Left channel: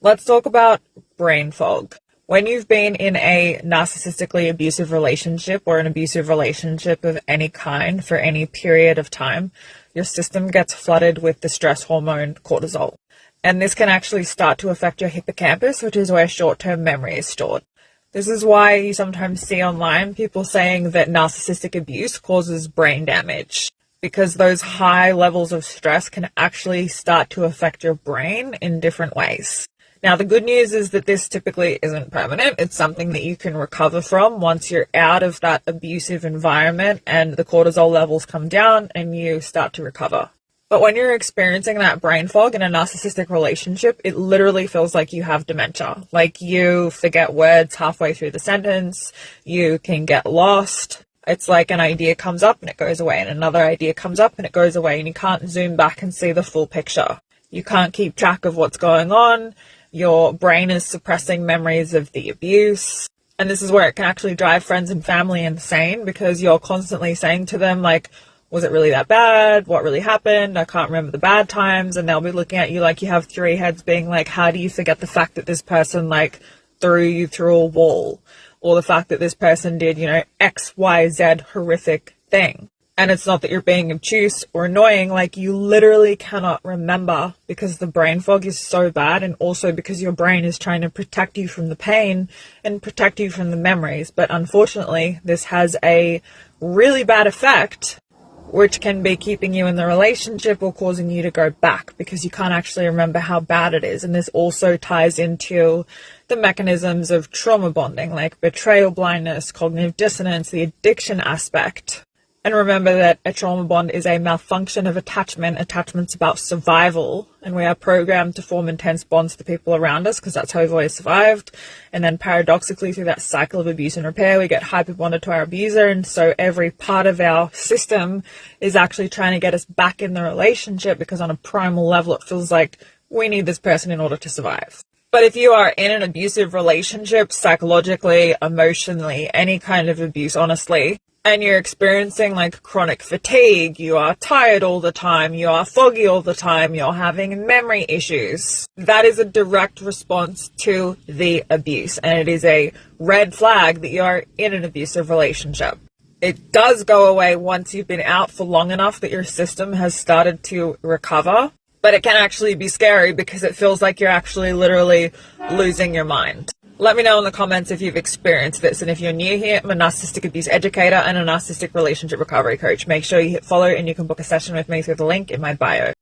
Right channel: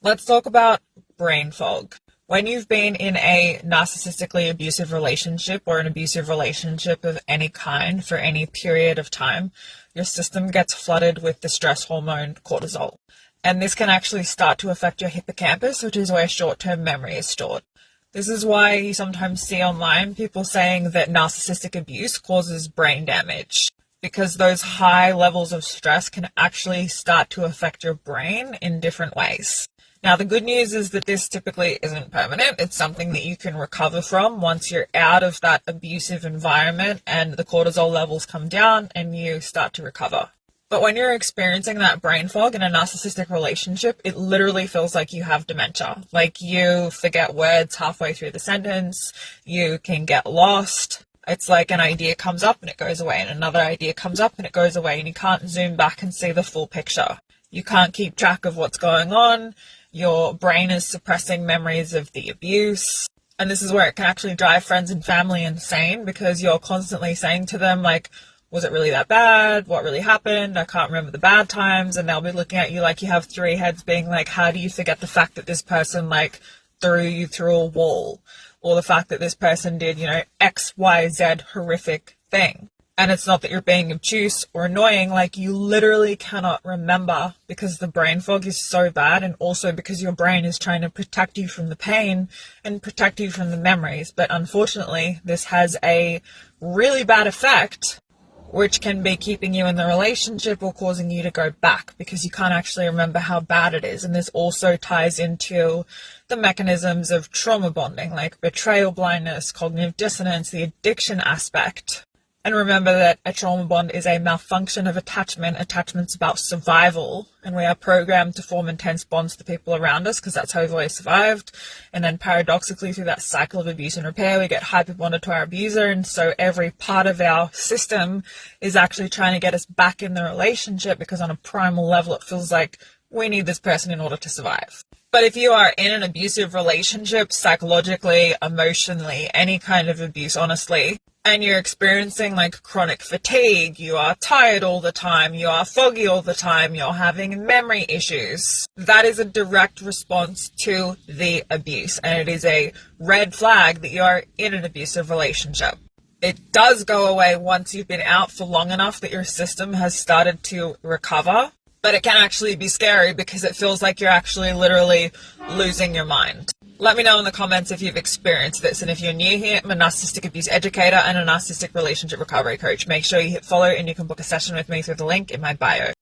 Let's talk about brain fog. When you've been in a narcissistically abusive relationship or an abusive relationship of any kind for any period of time, your system gets flooded with the stress hormone cortisol. And this can actually start to affect your hippocampus, which is where short-term memory is stored. This is why you sometimes see online people saying that narcissistic abuse causes brain damage, because those high levels of stress can actually start to affect your brain in different ways. Now, the good news is that this typically isn't permanent. It's something that you can recover from once you're out of that abusive environment and the cortisol levels come down and you start to recover. But when you're experiencing that brain fog in a narcissistic relationship, it literally feels like you have dementia. Like you forget words halfway through the sentence, you can get lost. It's like an idea comes up and it goes away, and another idea comes up and it goes away, and you can't zoom back and see the full picture. You can't keep track of what's going on. Your brain is suppressing memories of the abuse. And this is where it can actually drive friends and family insane, because you're constantly saying to them, like, was it really that bad? What really happened? I can't remember the bad times. And they'll be looking at you like you have three heads, being like, how do you forget the fact that this person like threw you through a wall? Or the fact that this person did, X, Y, Z horrific thing. And it's not that you're being obtuse or annoying, like you literally cannot remember because the brain fog is so bad, and also because your brain is trying to protect you from the pain and protect you from the memories. But unfortunately, this has a really bad effect, which can be keeping you in the relationship or causing you to go back because you can't actually remember how bad it is. And this also ties into the mechanisms of trauma bonding, like betrayal blindness, cognitive dissonance, the addiction aspect. And remember that a trauma bond is a malfunction of attachment. Attachment's about survival, and we are programmed to form intense bonds to the people around us because that's how we've always survived. And then paradoxically, through that cycle of abuse and repair, we get hyper bonded to our abuser, and so every part of our system is actually trying to get us back in the relationship, because on a primal level it feels like we need this person in order to survive. But if you are in an abusive relationship, psychologically, emotionally, any kind of abuse, honestly, and you're experiencing like chronic fatigue, you are tired all the time, you are foggy all the time, you're having memory issues, that is a direct response to the abuse. And it is a red flag that you are in an abusive relationship. It does go away once you've been out for long enough that your system has started to recover. But it can actually be scary because it feels like you're actually literally losing your mind. Let me know in the comments if you've experienced this. And if you're new here, I'm a narcissistic abuse educator and a narcissistic relationship recovery coach. Make sure you hit follow and you can book a session with me through the link in my bio.